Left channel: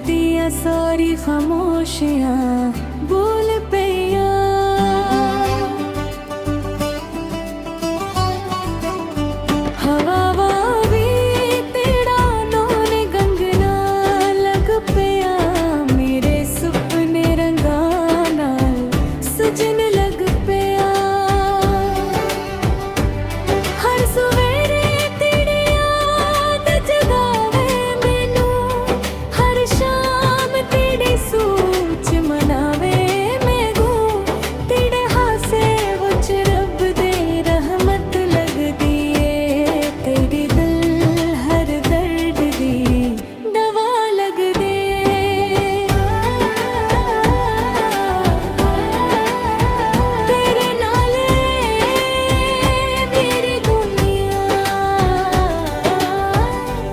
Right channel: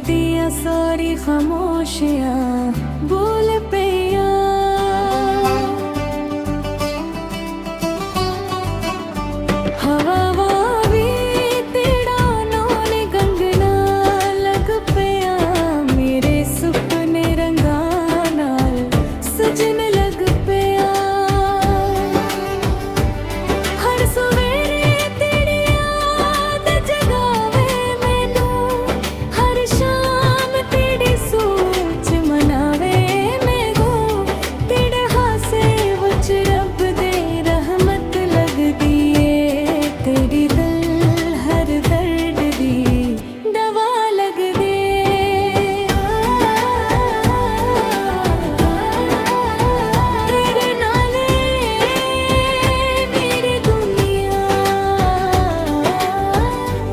दिया सारी खामोशियां बोल पिया। हवा भी तेरा नौने गंगना लग पिया, मेरे सुपने रंगा नाल सजन लग पिया। हर सवेरे तेरी याद जगावे मैनू, हर शाम तेरी सोच मनावे मैगो। तेरे हासे विच रब दे रहमत लगदी ए, तेरी दिल हर दर्द दी दवा लगदे। तेरे नाले मेरी दुनिया,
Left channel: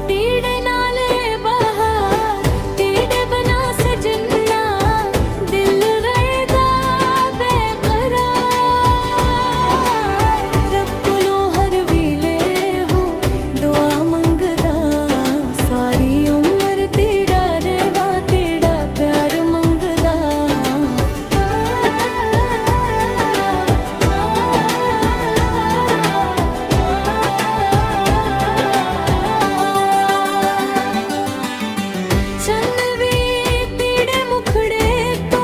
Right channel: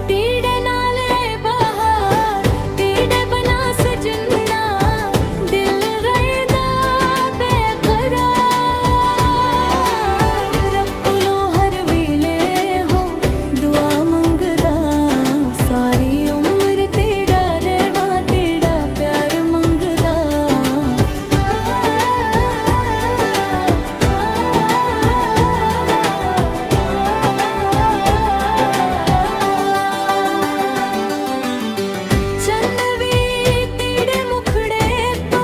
तेरे नाले बहार, तेरे बना सजना दिल रहदा बेकरार। रब कोलों हर वेले हो दुआ मंगदा, सारी उम्र तेरा रहवा तेरा प्यार मंगदा। चन्न भी तेरे मुखड़े तो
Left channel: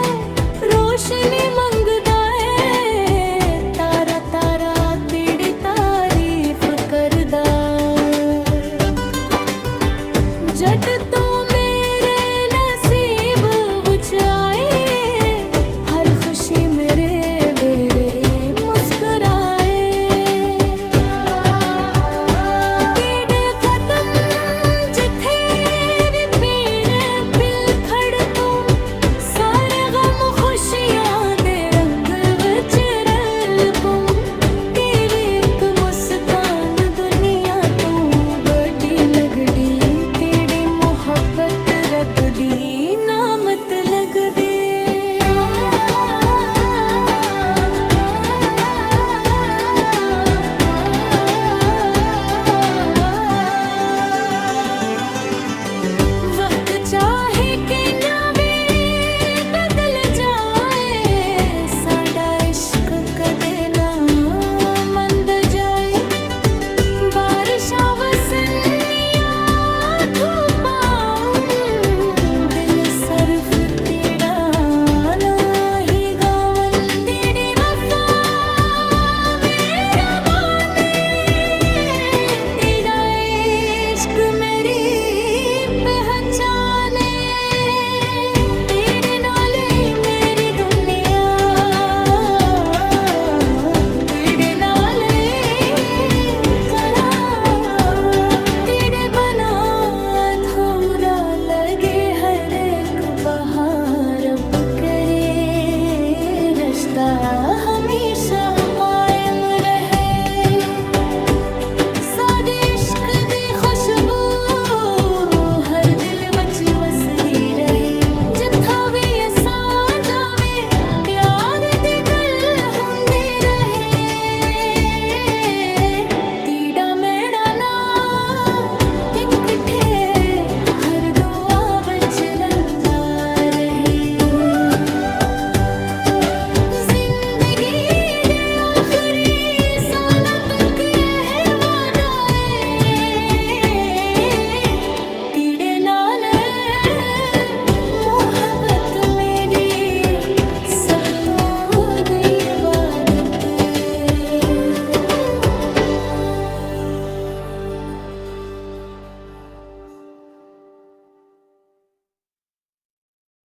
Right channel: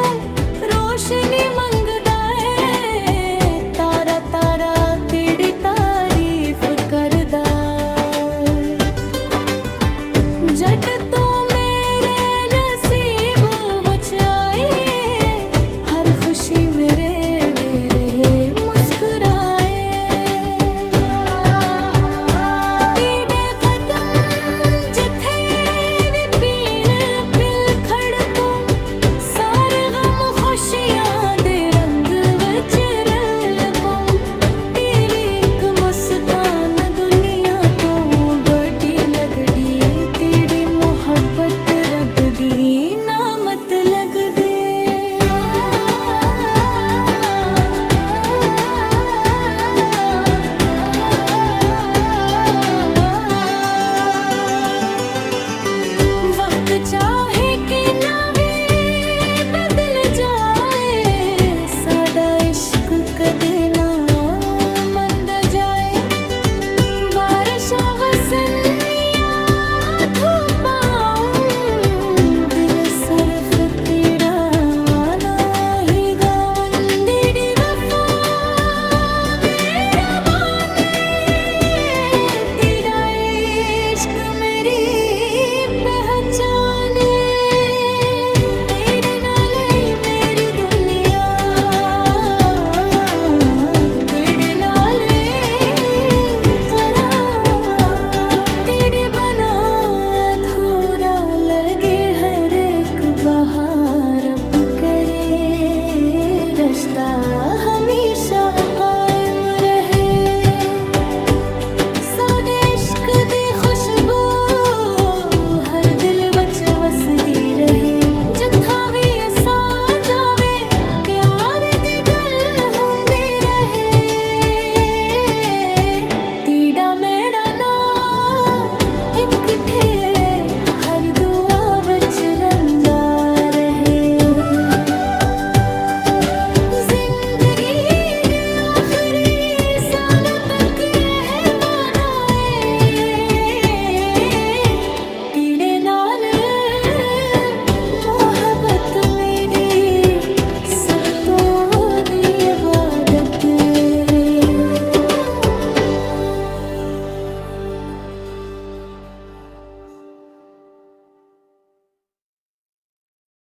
रोशनी मंगदा है, तारा तारा तेरी तारीफ करदा। जट तो मेरे नसीब विच आए, हर खुशी मेरे वेरे मुस्कुराए। तेरे कदम जिथे भी पीन पिल खड़कों, सारे गम खुशियां दे रंग विच रलपों। तेरी एक मुस्कान दुनिया तो बड़ी लगदी, तेरी मोहब्बत रब दी नामत लगदे। वक्त चाहे कि ना भी बदल जाए, साडा इश्क कदे ना मंद जाए। बारिशां वसनिया धूपां, दिल सरफ तेरा ना ही गावन। तेरी वफा मेरा माने, तेरा इश्क मेरी पहचाने। तेरे नाले ही मेरी दुनिया, तेरे नाले करार। तेरे बना अधूरा लगे हर एक बहार, अब करे रिश्ता हमेशा कायम रहे। साडे इश्क दी खुशबू हर दिल विच वसदी रहे, जिथा भी असा जावे